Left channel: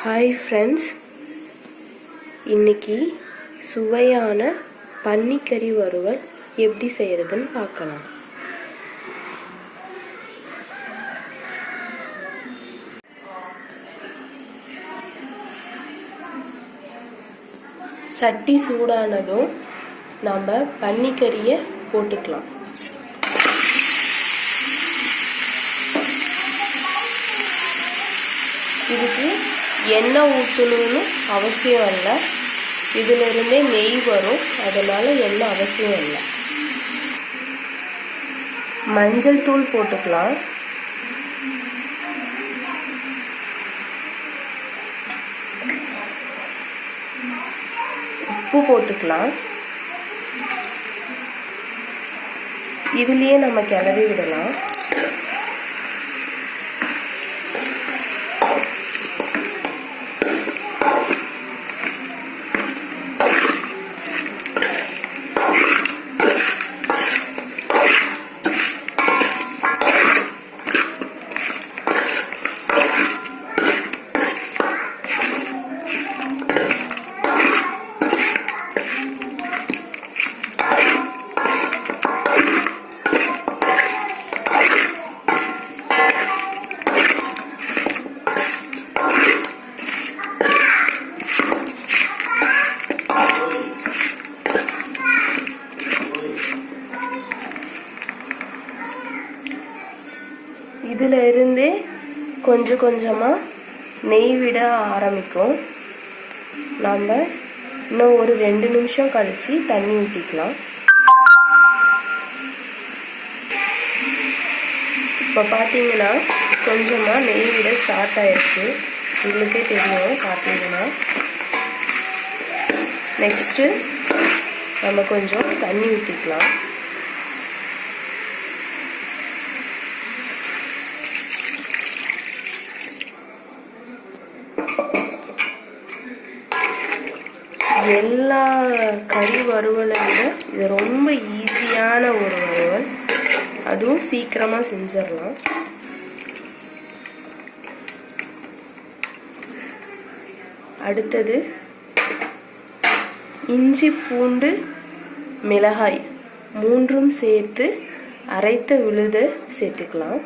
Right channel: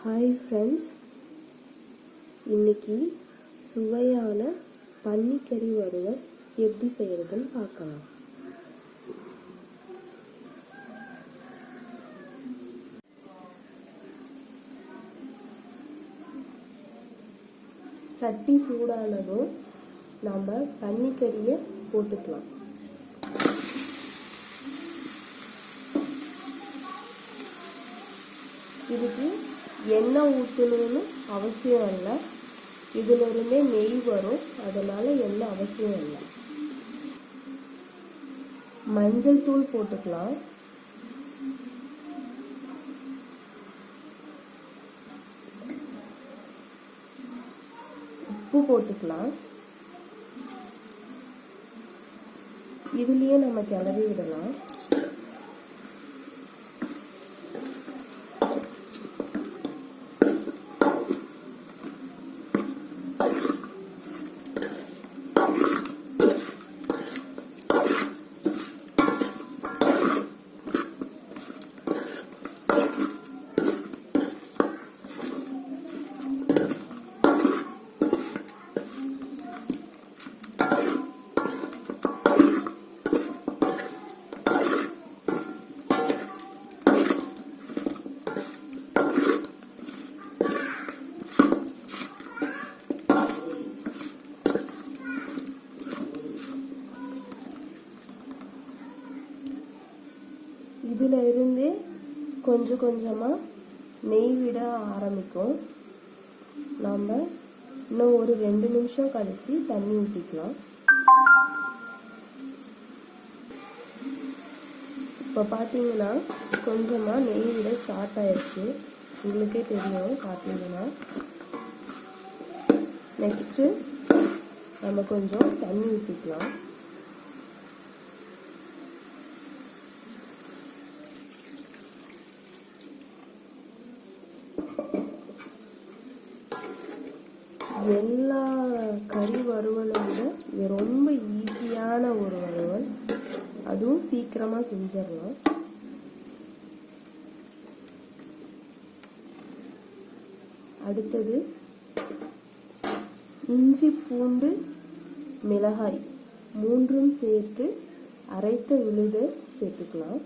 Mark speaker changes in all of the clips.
Speaker 1: Hi friends இன்னைக்கு சுவையான பன்னிக்கறி வறுவல் எப்படி செய்கிறதுன்னு பார்க்கலாம். சட்டி சூடானதும் நம்ம பன்னிக்கறியை போட்டுக்கலாம். இதுக்கு எண்ணெய் ஊற்றணும்னு அவசியம் இல்லை. இதிலிருந்தே நெய் வரும். அதனால் எண்ணெய் அவசியம் இல்லை. மஞ்சள் தூள் போட்டுக்கலாம். உப்பு போட்டுக்கலாம். இதுலேயே நம்ம கிளறி விடலாம். இதில் இருந்தே கொஞ்சம் கொஞ்சமாக நெய் விட ஆரம்பிக்கும். நாம் இன்னும் ஒரு ரெண்டு நிமிஷம் கழித்து தண்ணி ஊற்றிக்கலாம் இப்போ பார்த்தீங்கன்னா கொஞ்சமாக நெய் விட ஸ்டார்ட் ஆயிடுச்சு. உங்களுக்கே தெரியும் பார்த்தீங்கன்னா நெக்ஸ்ட்டு நம்ம கொஞ்சம் தண்ணி ஊற்றிக்கலாம் எல்லா கறி வறுவலை விட இது ரொம்ப ஈஸியான ஒரு வறுவல். அதுவும் சீக்கிரமாக செஞ்சிடலாம். அடுத்தது இஞ்சி பூண்டு மிளகாய் மூன்றும் சேர்த்து அரைத்த விழுத சேர்த்துக்கலாம்.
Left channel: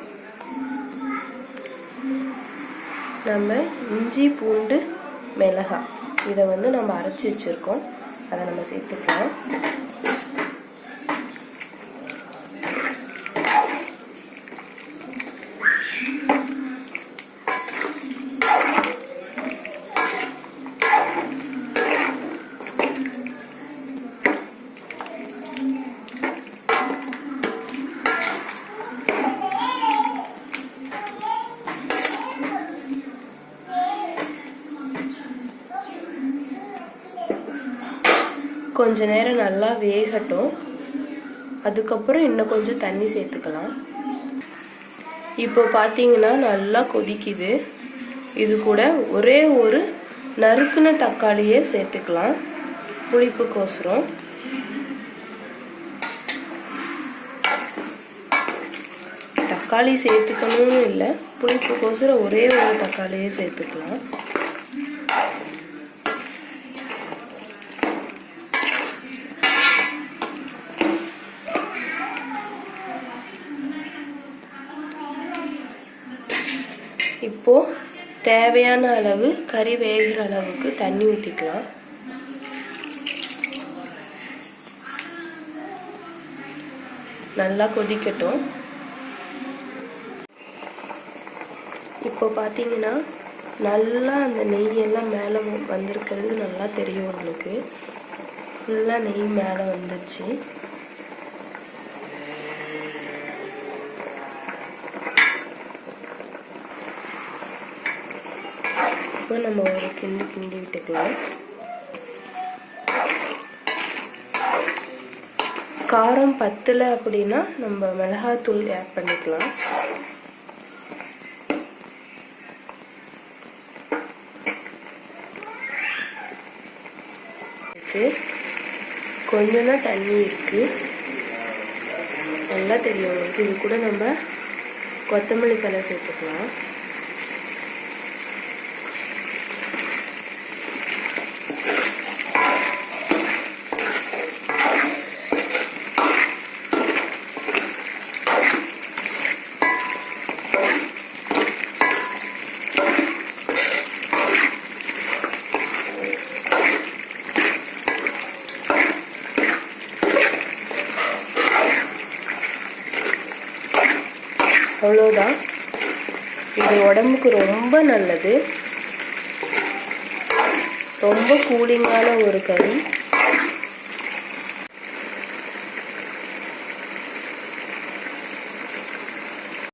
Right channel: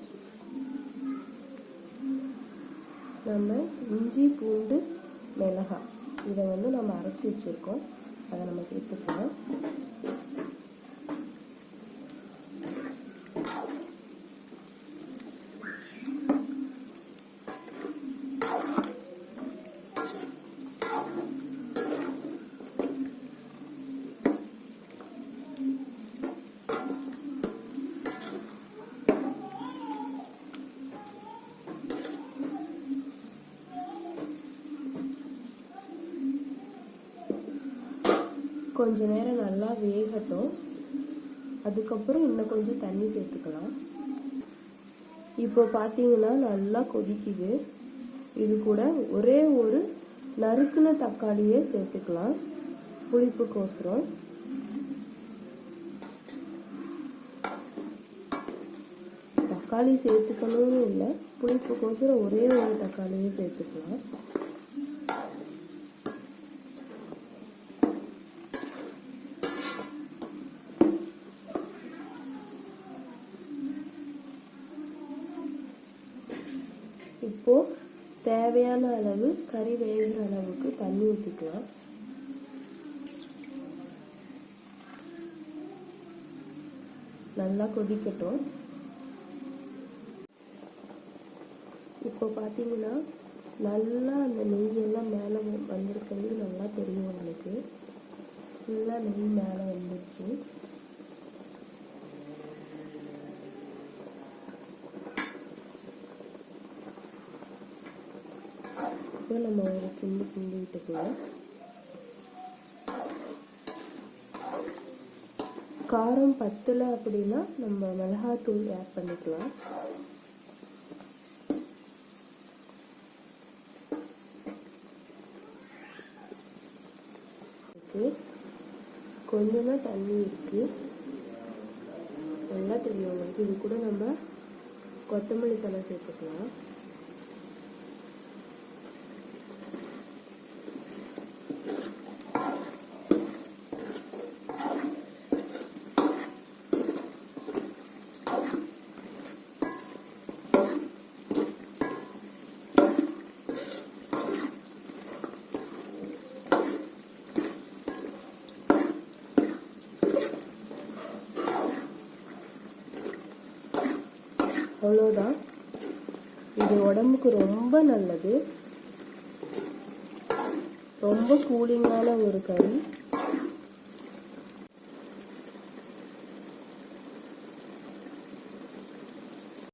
Speaker 1: நம்ம இஞ்சி பூண்டு மிளகாய் இதை வந்து நம்ம அரைச்சி வச்சுருக்கோம். அதை நம்ம சேர்த்துக்கலாம். கொஞ்ச நேரம் நல்லா வேகட்டும். அதுக்கப்புறம் இன்னும் கொஞ்சம் தண்ணி சேர்த்துக்கலாம். இப்போ பார்த்தீங்கன்னா நல்லா கொதிக்குது. இது கூட ஒரே ஒரு நறுக்குன தக்காளியே சேர்த்துக்கலாம். புளிப்புக்கோசரம். தக்காளி சேர்த்துக்கணும்னு இல்லை. புளிப்புக்கோசரம் ஒரே ஒரு தக்காளியே சேர்த்துக்கலாம். இப்போது தேவையான அளவு கறி வேகிற அளவுக்கு தண்ணி ஊற்றிக்கலாம் நல்லா கொதிக்கட்டும். இப்போ பார்த்தீங்கன்னா நல்லா அந்த நெய்யெல்லாம் மேலே வந்திருக்கிறது நல்லா தெரியும் உங்களுக்கு. ஃபுல்லாக நெய் மேலே வந்துருச்சு. இப்போ நம்ம ஒரு கிண்டி கிண்டி விட்டுக்கலாம். காரம் பத்தில் அப்படின்னா நம்ம மிளகாத்தூள் ஆட் பண்ணிக்கலாம். கொஞ்சம் தான் தண்ணி இருக்குது நல்லா தெரியும் உங்களுக்கு. இது கூட நம்ம கொத்தமல்லி தலை சேர்த்துக்கலாம். அவ்வளோதான். இது உடம்புக்கு ரொம்ப நல்லது. ரொம்ப கூலிங்கான ஒரு கறி.